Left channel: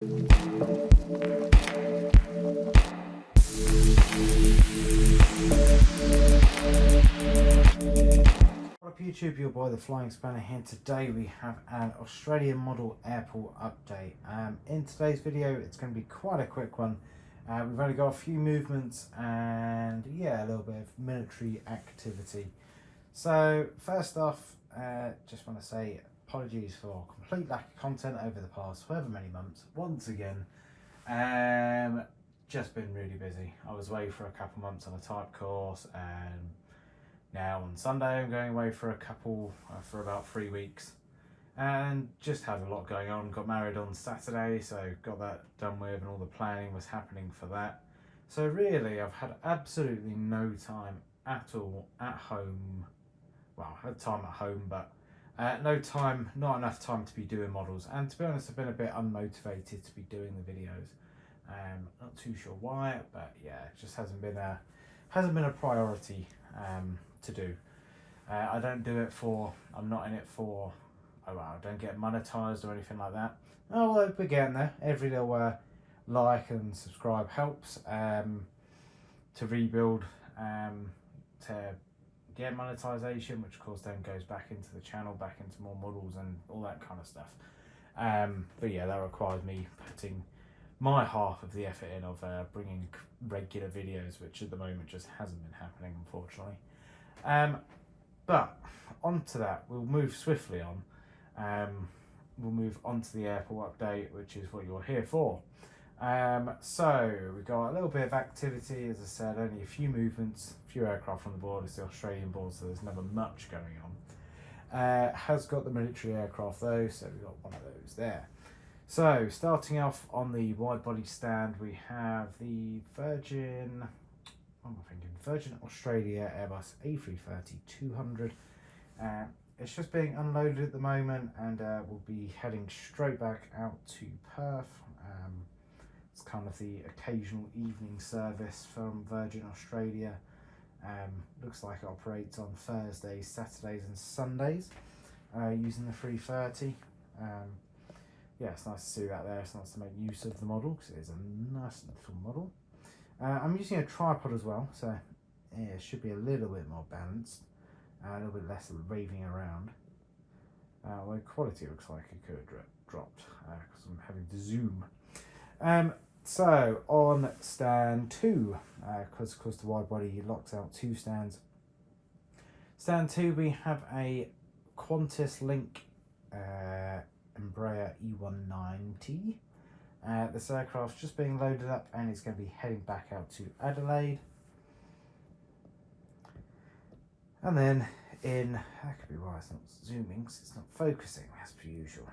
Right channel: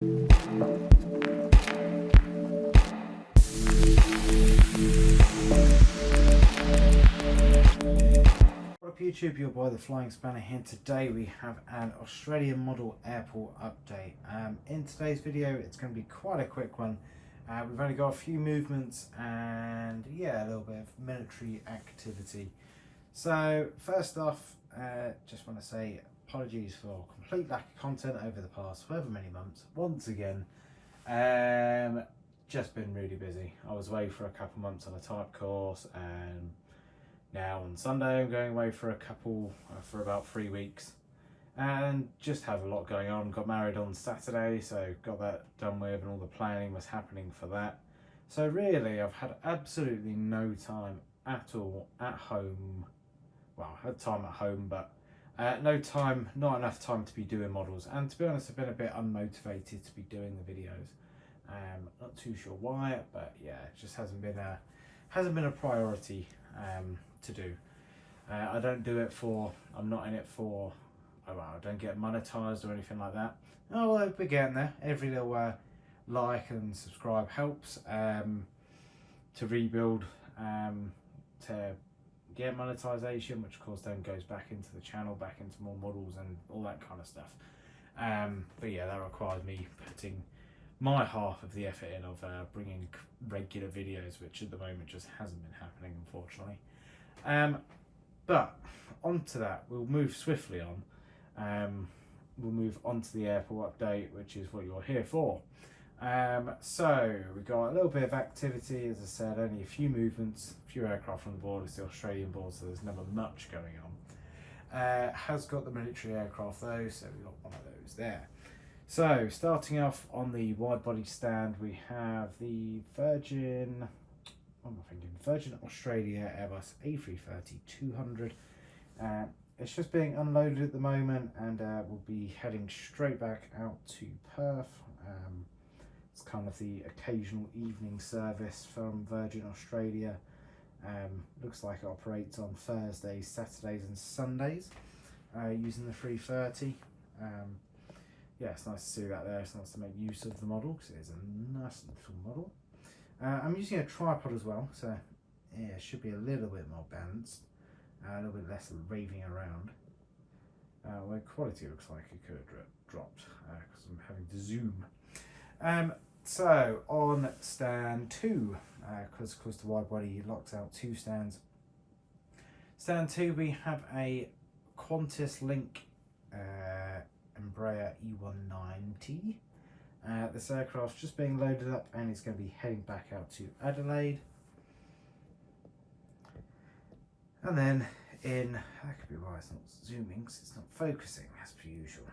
What up YouTube, your boy the Flying Spanner here. Today we have an Australian model airport update. In today's video it's going to be quite a quick one. We've only got a few movements and yeah, a little bit of military activity. So first off, just want to say apologies for complete lack of content over the past however many months. Once again, just been really busy. I was away for a couple months on a type course, and now on Sunday I'm going away for for about 3 weeks, and just had a lot going on. Got married on Saturday, so got that done with, and all the planning was happening for that. So really I've had absolutely no time at all at home. Well, I had time at home, but no time, not enough time to be doing models. And to be honest, I've been a bit unmotivated to be doing the videos. Not too sure why, but yeah, it just hasn't been a priority to do. I don't do it for, I'm not in it for, oh well, I don't get monetized or anything like that. Oh well, we're getting there. Every little like and subscribe helps to rebuild, to get monetization, which of course then goes back into the channel, back into more models and all that kind of stuff. But yeah, that requires me putting my half of the effort in of bringing regular videos, which at the moment just hasn't been happening, unfortunately. But onto that, we'll move swiftly on. We'll move on to the airport update, which is what you're here for. So we got a little bit of activity, as I said, only a few movements, a few aircraft on the board. It's the Australian board, so there's never much going on. Has got the military aircraft though, so we've got one of those there. So starting off on the wide body stand, we have the Virgin Australia Airbus A330-200. It's just being unloaded at the moment, and we'll be heading straight back out to Perth. It's kind of the occasional evening service from Virgin Australia. Looks like it operates on Thursdays, Saturdays and Sundays using the 330. Yeah, it's nice to see that there. It's nice to make use of the model because it is a nice little model. I'm using a tripod as well, so yeah, it should be a little bit more balanced, a little bit less raving around. Well, quality looks like it could have dropped because I'm having to zoom. So on stand 2, because of course the wide body locks out 2 stands. Stand 2, we have a Qantas Link Embraer E190. This aircraft's just being loaded up and it's going to be heading back out to Adelaide. And then that could be why it's not zooming, because it's not focusing as per usual.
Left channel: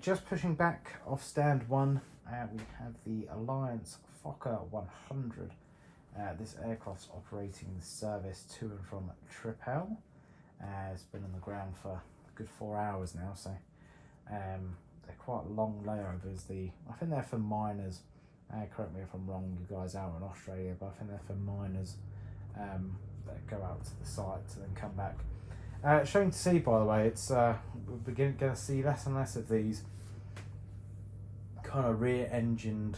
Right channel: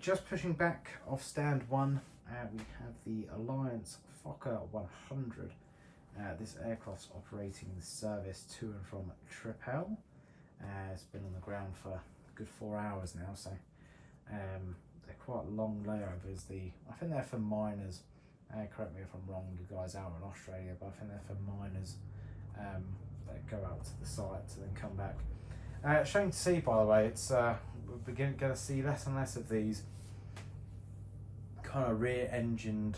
Just pushing back off stand 1, we have the Alliance Fokker 100. This aircraft's operating the service to and from Tripel. It's been on the ground for a good 4 hours now, so they're quite long layovers. I think they're for miners. Correct me if I'm wrong, you guys out in Australia, but I think they're for miners that go out to the site to then come back. Showing to see, by the way, it's we're going to see less and less of these kind of rear-engined,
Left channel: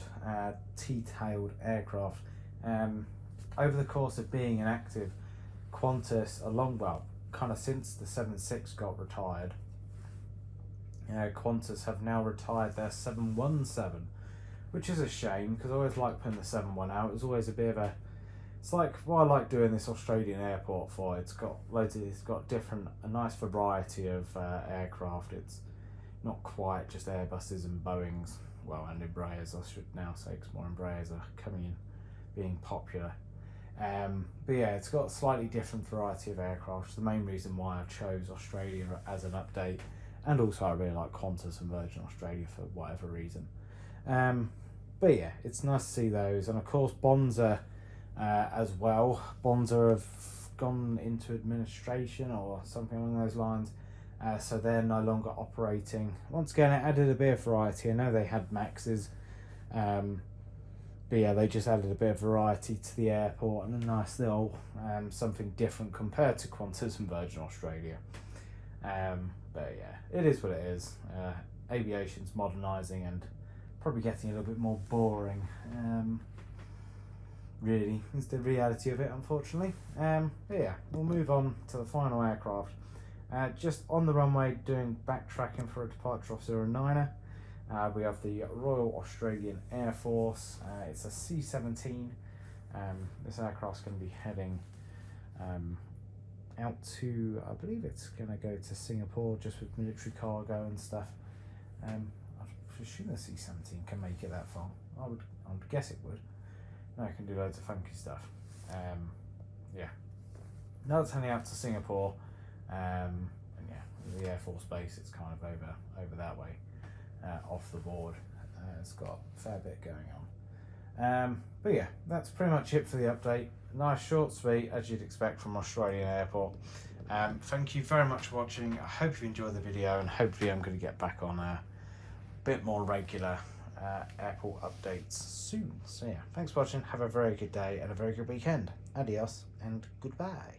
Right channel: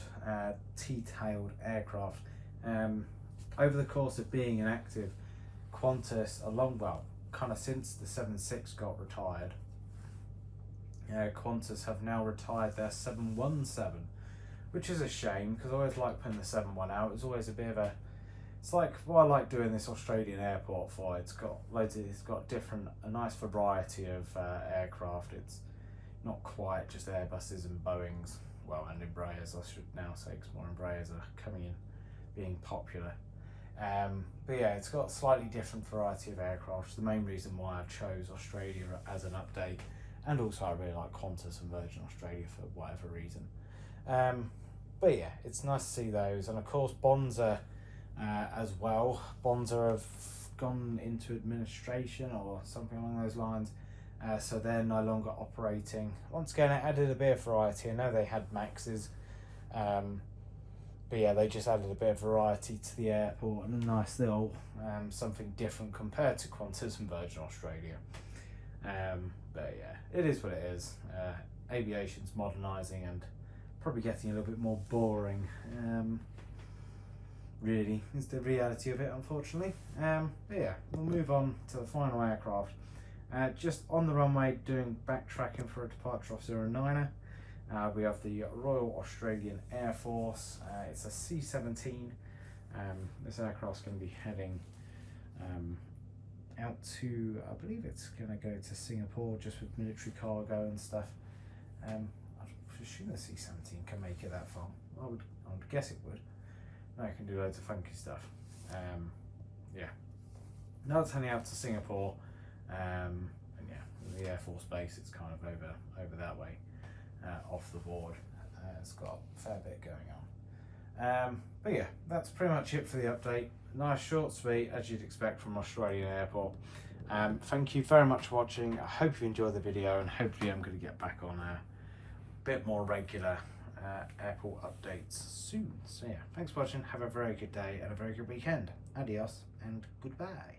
T-tailed aircraft. Over the course of being inactive, Qantas, kind of since the 76 got retired, Qantas have now retired their 717, which is a shame because I always like putting the 71 out. It's always a bit of it's like what I like doing this Australian airport for. It's got a nice variety of aircraft. It's not quite just Airbuses and Boeings, well, and Embraers I should now say, because more Embraers are coming in, being popular. But yeah, it's got a slightly different variety of aircraft. The main reason why I chose Australia as an update, and also I really like Qantas and Virgin Australia for whatever reason. But yeah, it's nice to see those, and of course Bonza as well. Bonza have gone into administration or something along those lines, so they're no longer operating. Once again, it added a bit of variety. I know they had Maxes, but yeah, they just added a bit of variety to the airport and a nice little something different compared to Qantas and Virgin Australia. But yeah, it is what it is. Aviation's modernising, and probably getting a little bit more boring. Really, is the reality of it, unfortunately. But yeah, we'll move on to the final aircraft. Just on the runway, doing backtracking for a departure of 09er. We have the Royal Australian Air Force. It's a C-17. This aircraft's going to be heading out to, I believe it's going to go to Singapore just with military cargo and stuff. I assume the C-17 can make it that far. I would guess it would. No, it can do loads of funky stuff. Yeah. Now it's heading out to Singapore. And yeah, the Air Force Base, it's kind of over that way, off the board. It's got a fair bit going on. But yeah, that's pretty much it for the update. Nice, short, sweet, as you'd expect from Australian Airport. Thank you very much for watching. I hope you enjoyed the video, and hopefully I'm going to get back on a bit more regular airport updates soon. So yeah, thanks for watching. Have a very good day and a very good weekend. Adios and goodbye.